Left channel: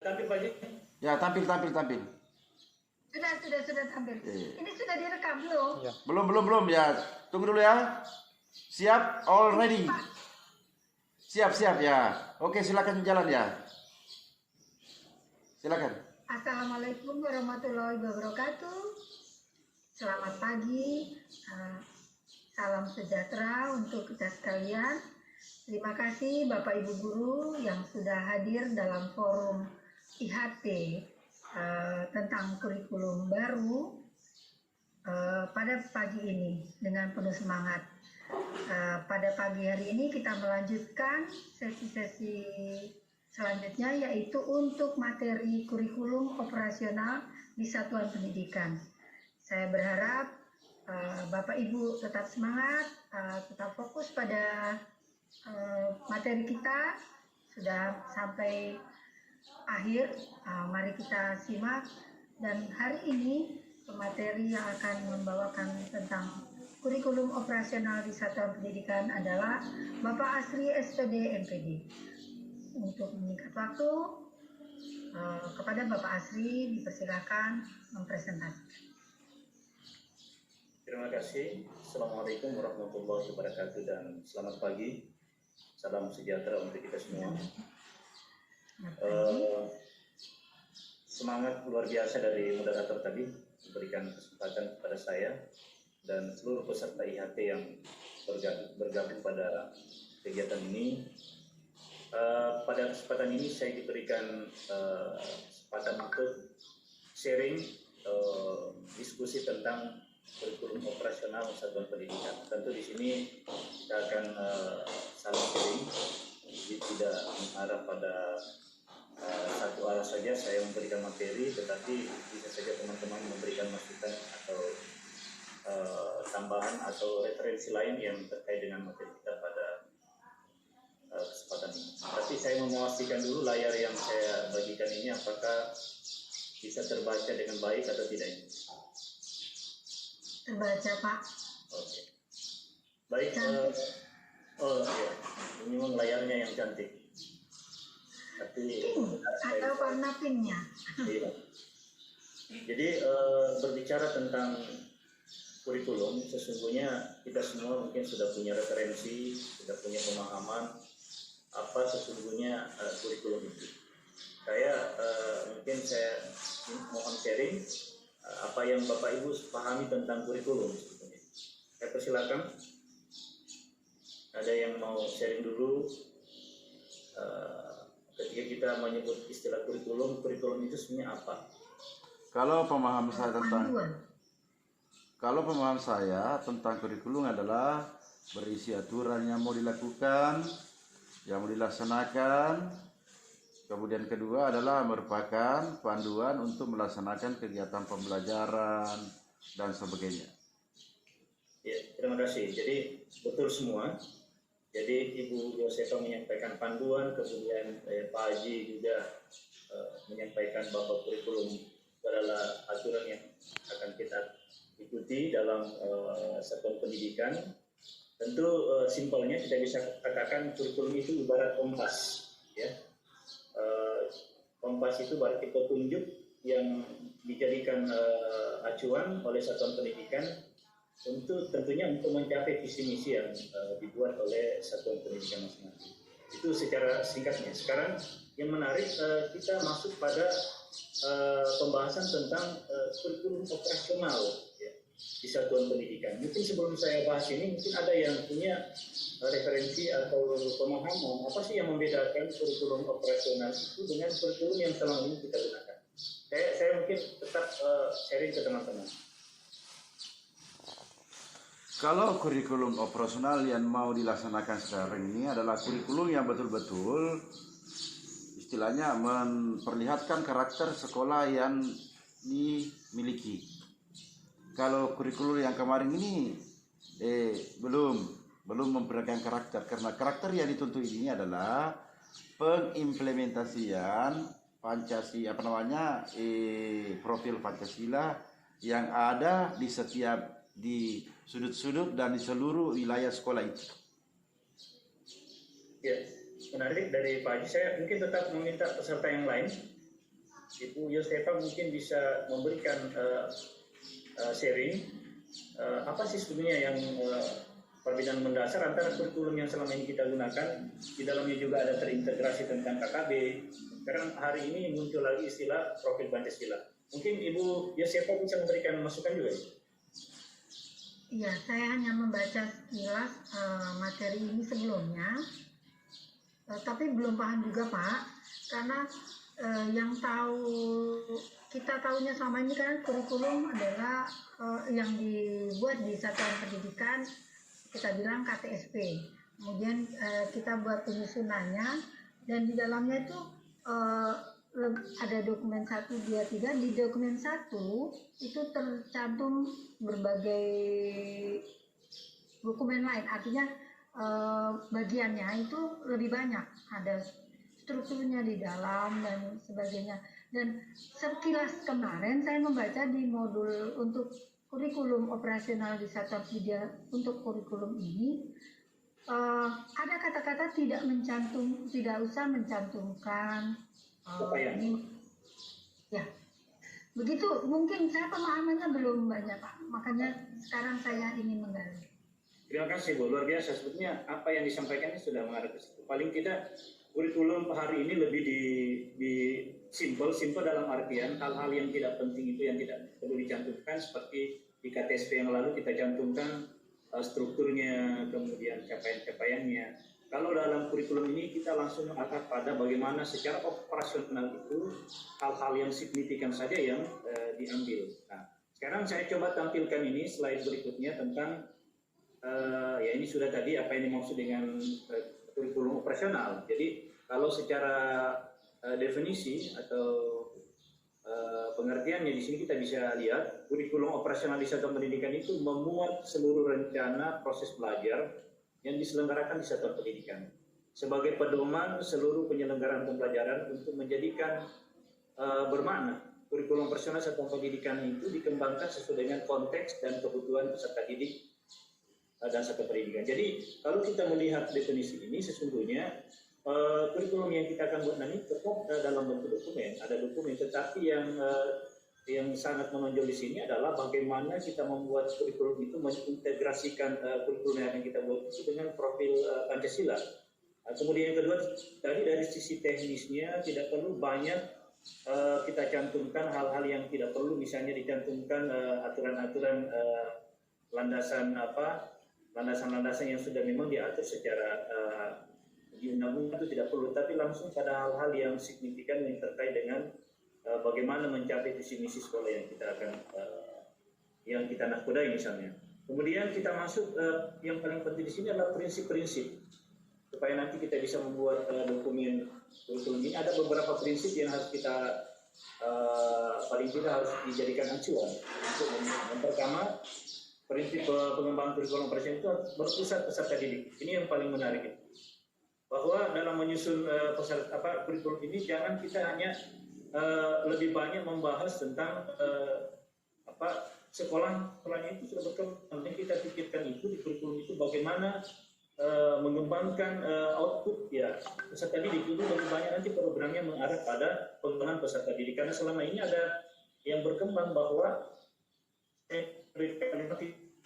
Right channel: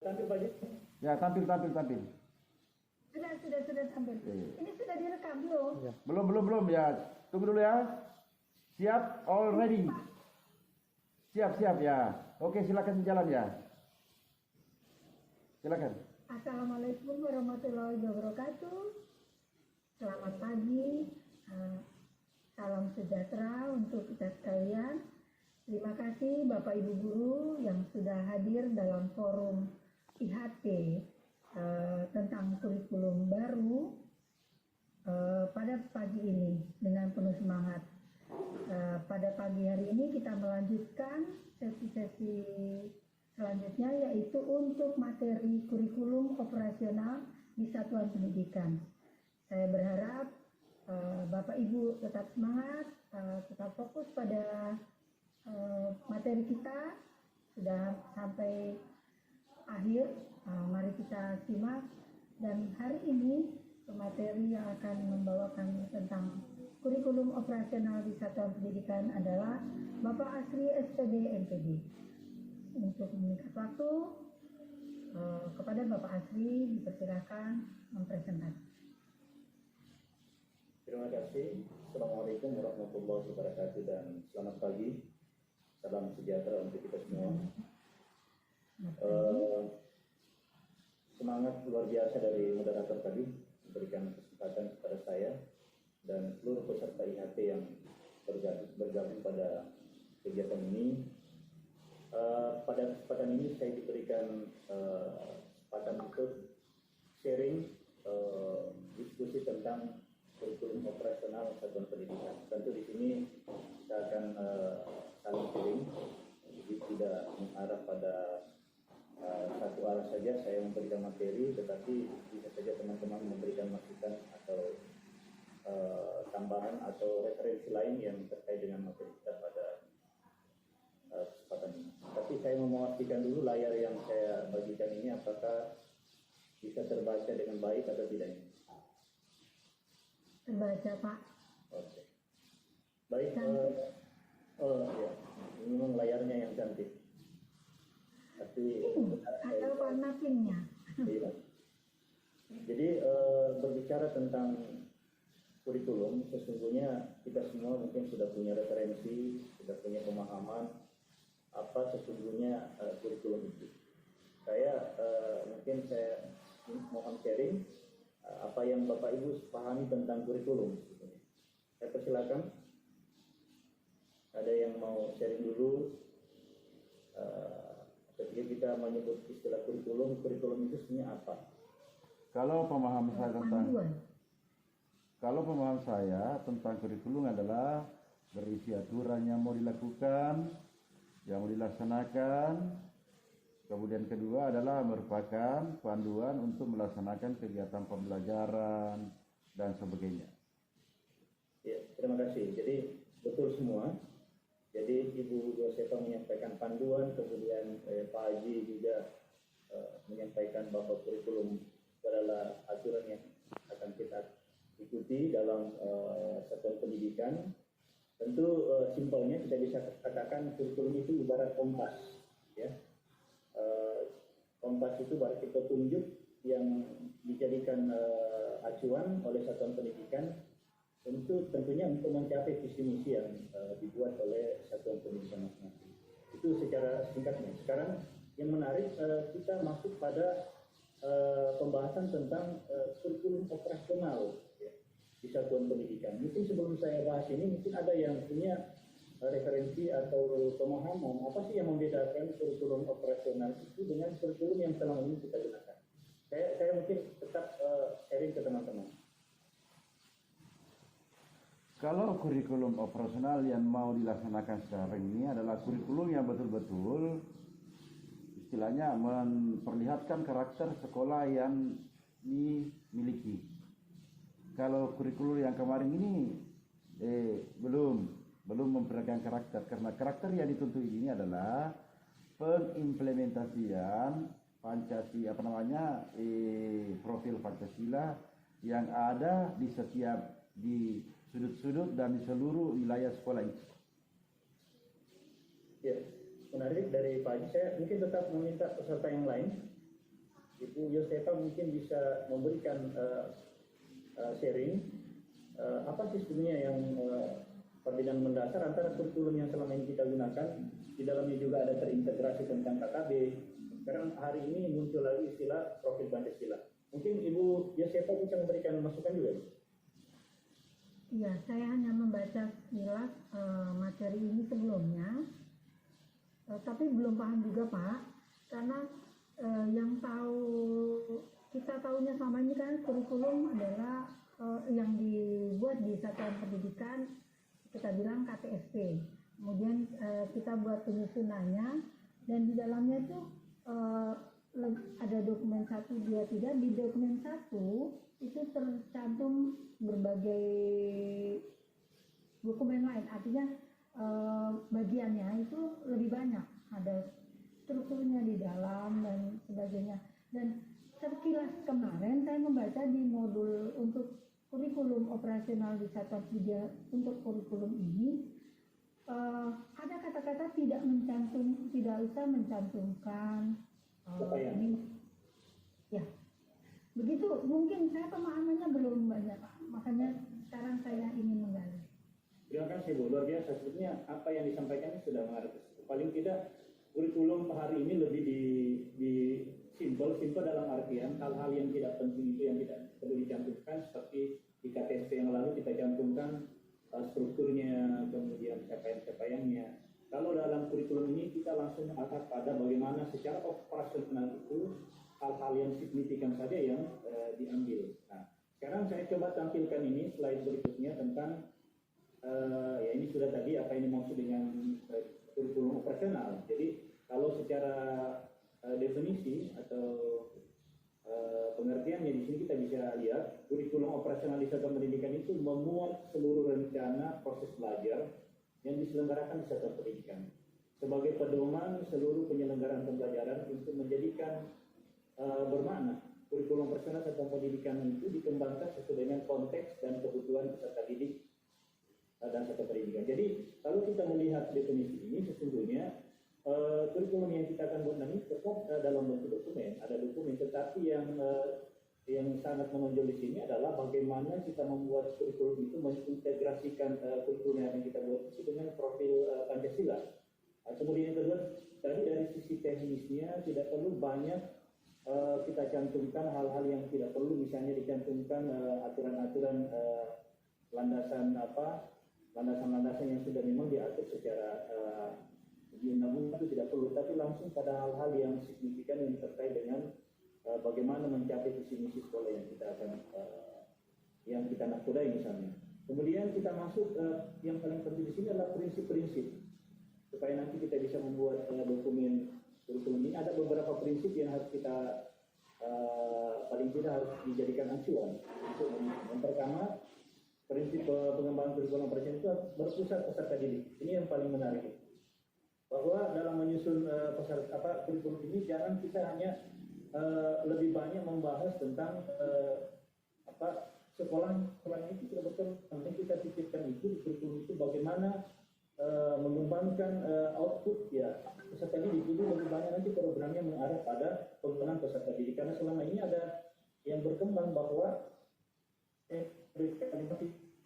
Tampil Pak Haji? Ya, tampil. Sudah tampil. Ini sudah direkam belum? Ya. Belum. Ya, tunggu dulu ya. Siap, all ready. Siap ya. Oke, silakan jalan ya. Silakan. Assalamualaikum warahmatullahi wabarakatuh. Selamat pagi. Salam sejahtera untuk kita sekalian. Terima kasih Bapak Ibu Guru yang sudah hadir dalam forum IHT tentang kurikulum baru pada pagi ini dengan penuh semangat. Pada pagi hari ini kita melanjutkan sesi-sesi selanjutnya, yaitu untuk materi kurikulum operasional di satuan pendidikan. Saya berharap Bapak Ibu tetap semangat, tetap fokus pada materi kita. Sudah sampai akhir, mari kita simak. Dan hari ini materi yang akan membawakan tentang kurikulum operasional di satuan pendidikan adalah Bapak Asri SPD MPD. Untuk menyingkat waktu, kepada Bapak Asri dipersilakan mempresentasikan. Terima kasih. Assalamualaikum warahmatullahi wabarakatuh dan selamat pagi. Salam sejahtera untuk kita semua. Semangat luar biasa dari moderator tadi memberikan kesempatan kepada saya dan seluruh peserta IHT yang bergabung pada kegiatan ini. Pada kesempatan ini saya diberikan kesempatan untuk sharing diskusi tentang kurikulum operasional satuan pendidikan. Tentu di sini kita akan saling sharing, jadi tidak mengarah pada satu arah saja saya memberikan materi, tetapi bisa saja teman-teman memberikan masukan atau tambahan atau referensi lain yang terkait dengan materi kita pada kesempatan ini. Tapi saya mau memastikan dulu layar yang saya bagikan ini apakah bisa terbaca dengan baik atau tidak ini. Terbaca, Pak. Oke. Baik. Oh ya, ini memang layarnya yang cantik. Tapi atau warna pinknya. Iya. Jadi berbicara tentang kurikulum, sesungguhnya kita semua mungkin sudah punya referensi, sudah punya pemahaman apa sesungguhnya kurikulum itu. Mungkin saya mohon sharing apa yang Bapak Ibu pahami tentang kurikulum sebetulnya. Saya persilakan. Ada yang mau sharing dulu? Ketika kita menyebut istilah kurikulum itu sebenarnya apa? Kalau pemahaman saya tentang kurikulum adalah berisi aturan yang mau dilakukan, yang mau dilaksanakan. Kemudian kedua adalah merupakan panduan untuk melaksanakan kegiatan pembelajaran dan sebagainya. Ya, terima kasih. Jadi betul semua. Jadi Ibu Yosefa menyampaikan panduan, kemudian Pak Haji juga menyampaikan bahwa kurikulum adalah aturan yang akan kita ikuti dalam satuan pendidikan. Tentu simpelnya kita bisa katakan kurikulum itu ibarat kompas, ya. Kompas itu berarti petunjuk yang dijadikan acuan oleh satuan pendidikan tentunya untuk mencapai visi misi yang dibuat oleh satuan pendidikan masing-masing. Itu secara singkatnya. Sekarang yang menarik kita masuk pada pembahasan tentang kurikulum operasional, ya, di satuan pendidikan. Mungkin sebelum saya bahas ini, mungkin ada yang punya referensi atau pemahaman apa sih yang membedakan kurikulum operasional itu dengan kurikulum yang selama ini kita gunakan. Saya mungkin tetap sharing ke teman-teman. Kalau kurikulum operasional yang mau dilaksanakan sekarang ini adalah kurikulum yang betul-betul istilahnya memperlihatkan karakter sekolah yang dimiliki. Kalau kurikulum yang kemarin ini belum memperlihatkan karakter, karena karakter yang dituntut ini adalah pengimplementasian Pancasila profil Pancasila yang ada di sudut-sudut dan di seluruh wilayah sekolah itu. Ya, menarik dari Pak Haji. Saya mungkin tetap meminta peserta yang lain Ibu Yosefa mungkin bisa memberikan sharing apa sih sebenarnya yang perbedaan mendasar antara kurikulum yang selama ini kita gunakan. Di dalamnya juga ada terintegrasi tentang KKB. Sekarang hari ini muncul lagi istilah profil Pancasila. Mungkin Ibu Yosefa bisa memberikan masukan juga. Iya, saya hanya membaca sekilas materi ini sebelumnya, tapi belum paham juga Pak, karena yang kita tahunya selama ini kan kurikulum adalah yang dibuat di satuan pendidikan, kita bilang KTSP. Kemudian kita buat penyusunannya, dan di dalamnya itu ada dokumen 1, 2, 3. Di dokumen 1 itu tercantum berbagai dokumen lain, artinya bagiannya itu lebih banyak, ada strukturnya di dalam dan sebagainya. Dan sekilas kemarin saya membaca di modul untuk kurikulum operasional di Satuan Pendidikan untuk kurikulum ini, ada kata-kata tidak usah mencantumkan ya, begitu. Mungkin saya pemahamannya belum banyak Pak, makanya sekarang saya ingin menggali. Terima kasih Bu, luar biasa. Sebetulnya apa yang disampaikan sudah mengarah ke situ. Paling tidak kurikulum hari ini lebih di simple dalam artian hal-hal yang tidak penting itu yang tidak perlu dicantumkan, seperti di KTSP yang lalu kita cantumkan strukturnya, kemudian capaian-capaiannya. Kalau dalam kurikulum ini kita langsung mengangkat pada bagaimana secara operasional itu hal-hal yang signifikan saja yang diambil. Nah, sekarang saya coba tampilkan ini slide berikutnya tentang ya ini sudah tadi apa yang dimaksud dengan kurikulum operasional. Jadi kalau secara definisi atau pengertiannya di sini kita bisa lihat kurikulum operasional di satuan pendidikan itu memuat seluruh rencana proses belajar yang diselenggarakan di satuan pendidikan sebagai pedoman seluruh penyelenggaraan pembelajaran untuk menjadikan bermakna. Kurikulum operasional satuan pendidikan itu dikembangkan sesuai dengan konteks dan kebutuhan peserta didik dan satuan pendidikan. Jadi kalau kita melihat definisi ini, sesungguhnya kurikulum yang kita akan buat nanti tetap dalam bentuk dokumen. Ada dokumen, tetapi yang sangat menonjol di sini adalah bagaimana kita membuat kurikulum itu mengintegrasikan kurikulum yang kita buat itu dengan profil Pancasila. Kemudian yang kedua, tadi dari sisi teknisnya tidak perlu banyak kita cantumkan hal-hal yang tidak perlu, misalnya dicantumkan aturan-aturan landasan-landasan yang sudah memang diatur secara di undang-undang itu tidak perlu, tapi langsung pada hal-hal yang signifikan yang terkait dengan bagaimana mencapai visi misi sekolah yang kita akan yang kita nakodai misalnya. Kemudian kita masuk yang paling penting di sini adalah prinsip-prinsip, supaya nanti kita bisa membuat dokumen kurikulum ini. Ada beberapa prinsip yang harus kita paling tidak harus dijadikan acuan. Yang pertama, prinsip pengembangan kurikulum operasional itu berpusat peserta didik. Ini yang paling menarik, bahwa dalam menyusun kurikulum ini jangan kita hanya lebih banyak membahas tentang sekolahnya itu sudah berkembang. Kita pikirkan itu di kurikulum itu bagaimana mengembangkan output ya peserta didik itu lebih banyak nanti programnya mengarah pada pengembangan peserta didik, karena selama ini ada yang berkembang bahwa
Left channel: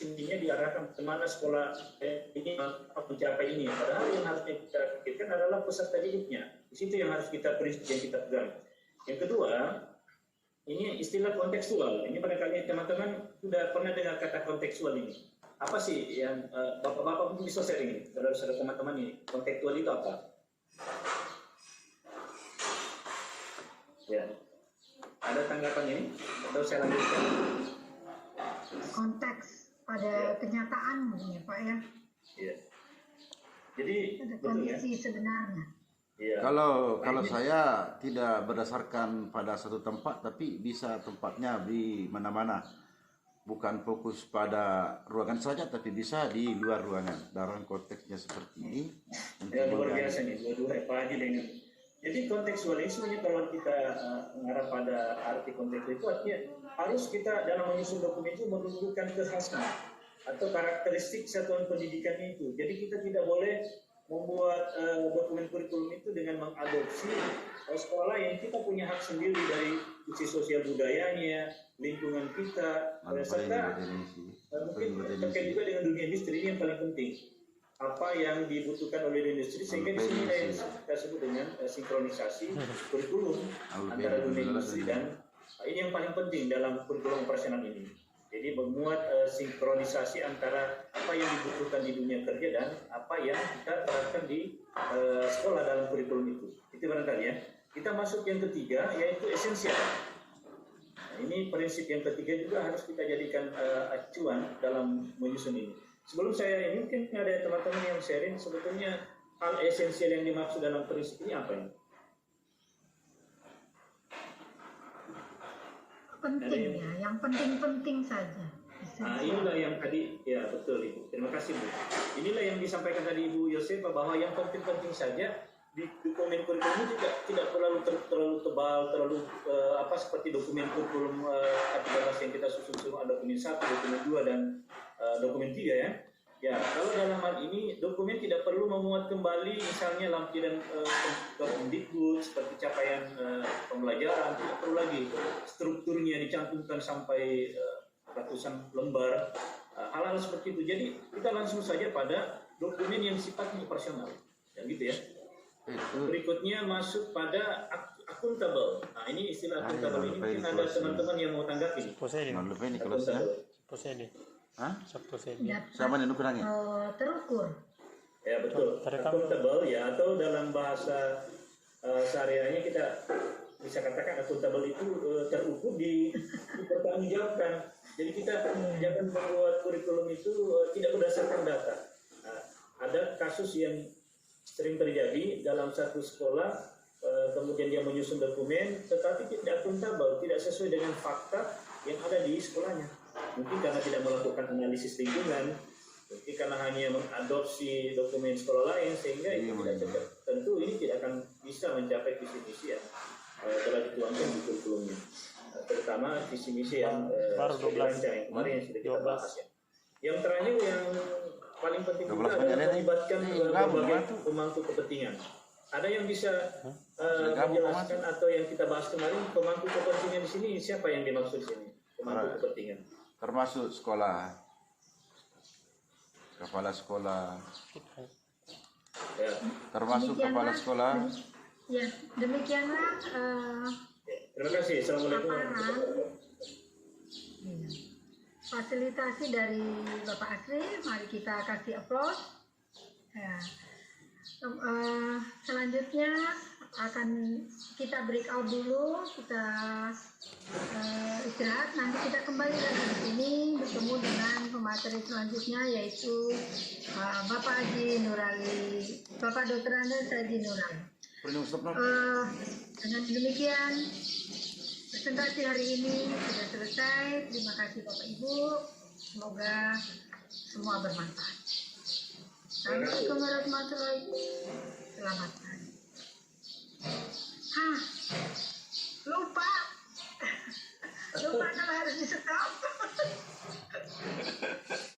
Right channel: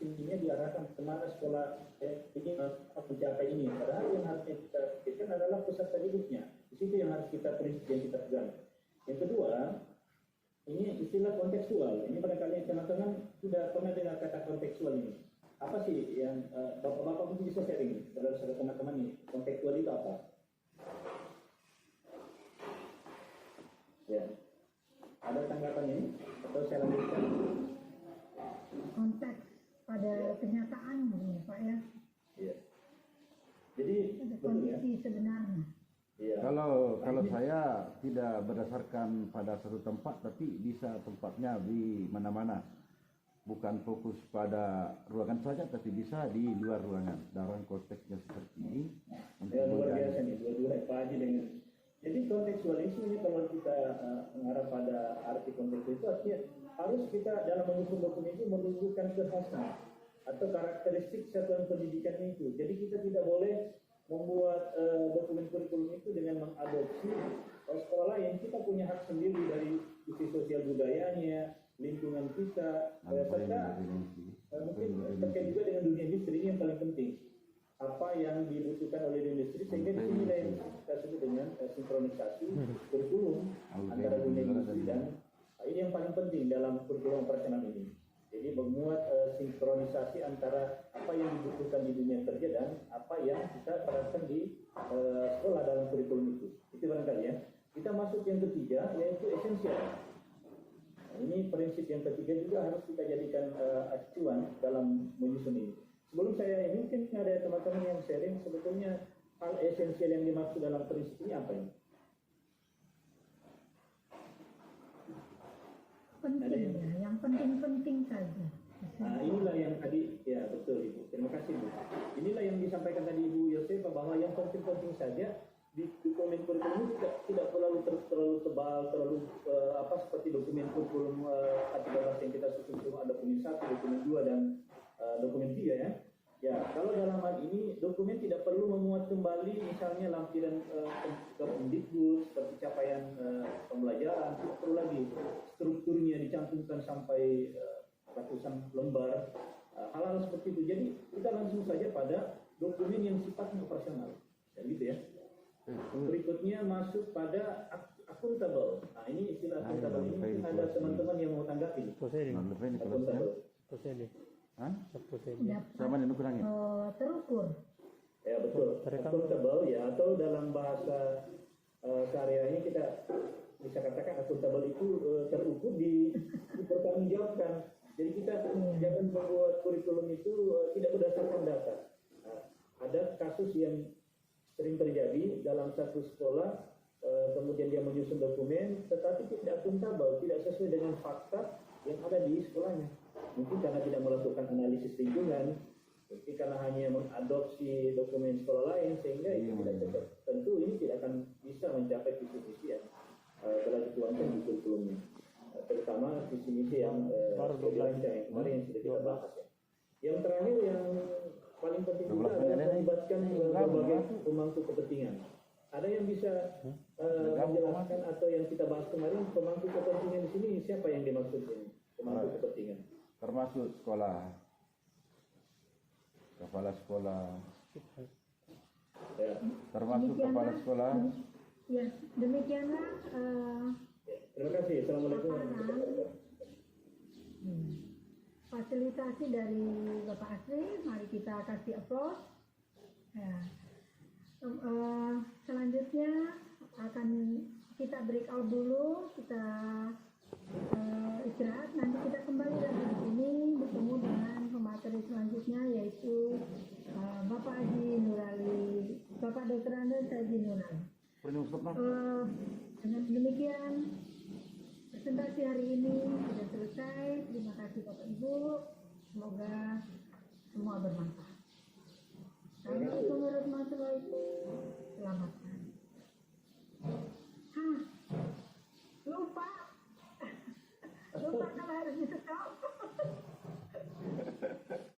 intinya diarahkan kemana sekolah ini mencapai ini, padahal yang harusnya kita pikirkan adalah peserta didiknya. Di situ yang harus kita prinsip yang kita pegang. Yang kedua, ini istilah kontekstual. Ini barangkali teman-teman sudah pernah dengar kata kontekstual ini. Apa sih yang bapak-bapak mungkin bisa sharing ini, saudara-saudara teman-teman ini? Kontekstual itu apa? Ya, ada tanggapan ini atau saya lanjutkan? Konteks pada kenyataan ya Pak ya. Iya. Jadi kondisi sebenarnya. Iya. Kalau saya tidak berdasarkan pada satu tempat, tapi bisa tempatnya di mana-mana. Bukan fokus pada ruangan saja, tapi bisa di luar ruangan. Dalam konteksnya seperti ini. Ya, luar biasa nih, dua-dua Pak Haji dengan. Jadi kontekstualisme kalau kita mengarah pada arti kontekstual itu artinya harus kita dalam menyusun dokumen itu menunjukkan kekhasan atau karakteristik satuan pendidikan itu. Jadi kita tidak boleh membuat dokumen kurikulum itu dengan mengadopsi sekolah lain. Kita punya hak sendiri dari sisi sosial budayanya, lingkungan kita, serta mungkin terkait juga dengan dunia industri. Ini yang paling penting. Apa yang dibutuhkan oleh industri, sehingga di sini yang kita sebut dengan sinkronisasi kurikulum antara dunia industri dan ini yang paling penting dalam kurikulum operasional ini. Jadi memuat sinkronisasi antara apa yang dibutuhkan di dunia kerja dan apa yang kita terapkan di sekolah dalam kurikulum itu. Itu barangkali ya. Kita masuk yang ketiga, yaitu esensial. Nah, ini prinsip yang ketiga juga harus kita jadikan acuan dalam menyusun ini. Sebelum saya ini, mungkin ada teman-teman yang sharing sebetulnya hal esensial yang dimaksud dalam prinsip ini apa ini? Penting ya, yang penting-penting saja. Nah, inilah yang tadi, ya betul Ibu. Terima kasih Bu. Inilah yang disampaikan tadi Ibu Yosefa, bahwa yang penting-penting saja di dokumen kurikulum ini tidak terlalu tebal, terlalu seperti dokumen kurikulum K13 yang kita susun ada dokumen 1, dokumen 2 dan dokumen 3 ya. Ya, kalau dalam hal ini dokumen tidak perlu memuat kembali misalnya lampiran Kemdikbud seperti capaian pembelajaran, tidak perlu lagi strukturnya dicantumkan sampai ratusan lembar, hal-hal seperti itu. Jadi kita langsung saja pada dokumen yang sifatnya operasional, dan gitu ya. Berikutnya masuk pada akuntabel. Nah, ini istilah akuntabel ini mungkin ada teman-teman yang mau tanggapi. Sama nih nukurangnya. Terukur. Ya betul. Akuntabel ya, atau dalam bahasa sehari-harinya kita bisa katakan akuntabel itu terukur, dipertanggungjawabkan. Jadi kita jangan membuat kurikulum itu tidak berdasarkan data. Nah, ada kasus yang sering terjadi dalam satu sekolah, kemudian dia menyusun dokumen tetapi tidak akuntabel, tidak sesuai dengan fakta yang ada di sekolahnya. Mungkin karena tidak melakukan analisis lingkungan, mungkin karena hanya mengadopsi dokumen sekolah lain, sehingga itu tidak cocok. Tentu ini tidak akan bisa mencapai visi misi yang telah dituangkan di kurikulumnya, terutama visi misi yang dirancang yang kemarin yang sudah kita bahas ya. Yang terakhir yang paling penting juga adalah melibatkan berbagai pemangku kepentingan. Ada yang bisa menjelaskan atau yang kita bahas kemarin, pemangku kepentingan di sini siapa yang dimaksud di sini? Pemangku kepentingan. Termasuk sekolah, kepala sekolah, ya. Termasuk kepala sekolah. Ya, demikianlah. Terima kasih. Assalamualaikum. Fasilitasi dari Bapak Asri, mari kita kasih aplaus. Ya. Selanjutnya akan kita break out dulu, kita istirahat. Nanti kita kembali lagi di sini bertemu dengan pemateri selanjutnya, yaitu Bapak Haji Nurali, Bapak Dr. Andes Haji Nurali. Dengan demikian presentasi hari ini sudah selesai. Terima kasih Bapak Ibu, semoga semua bermanfaat. Assalamualaikum warahmatullahi wabarakatuh. Selamat pagi.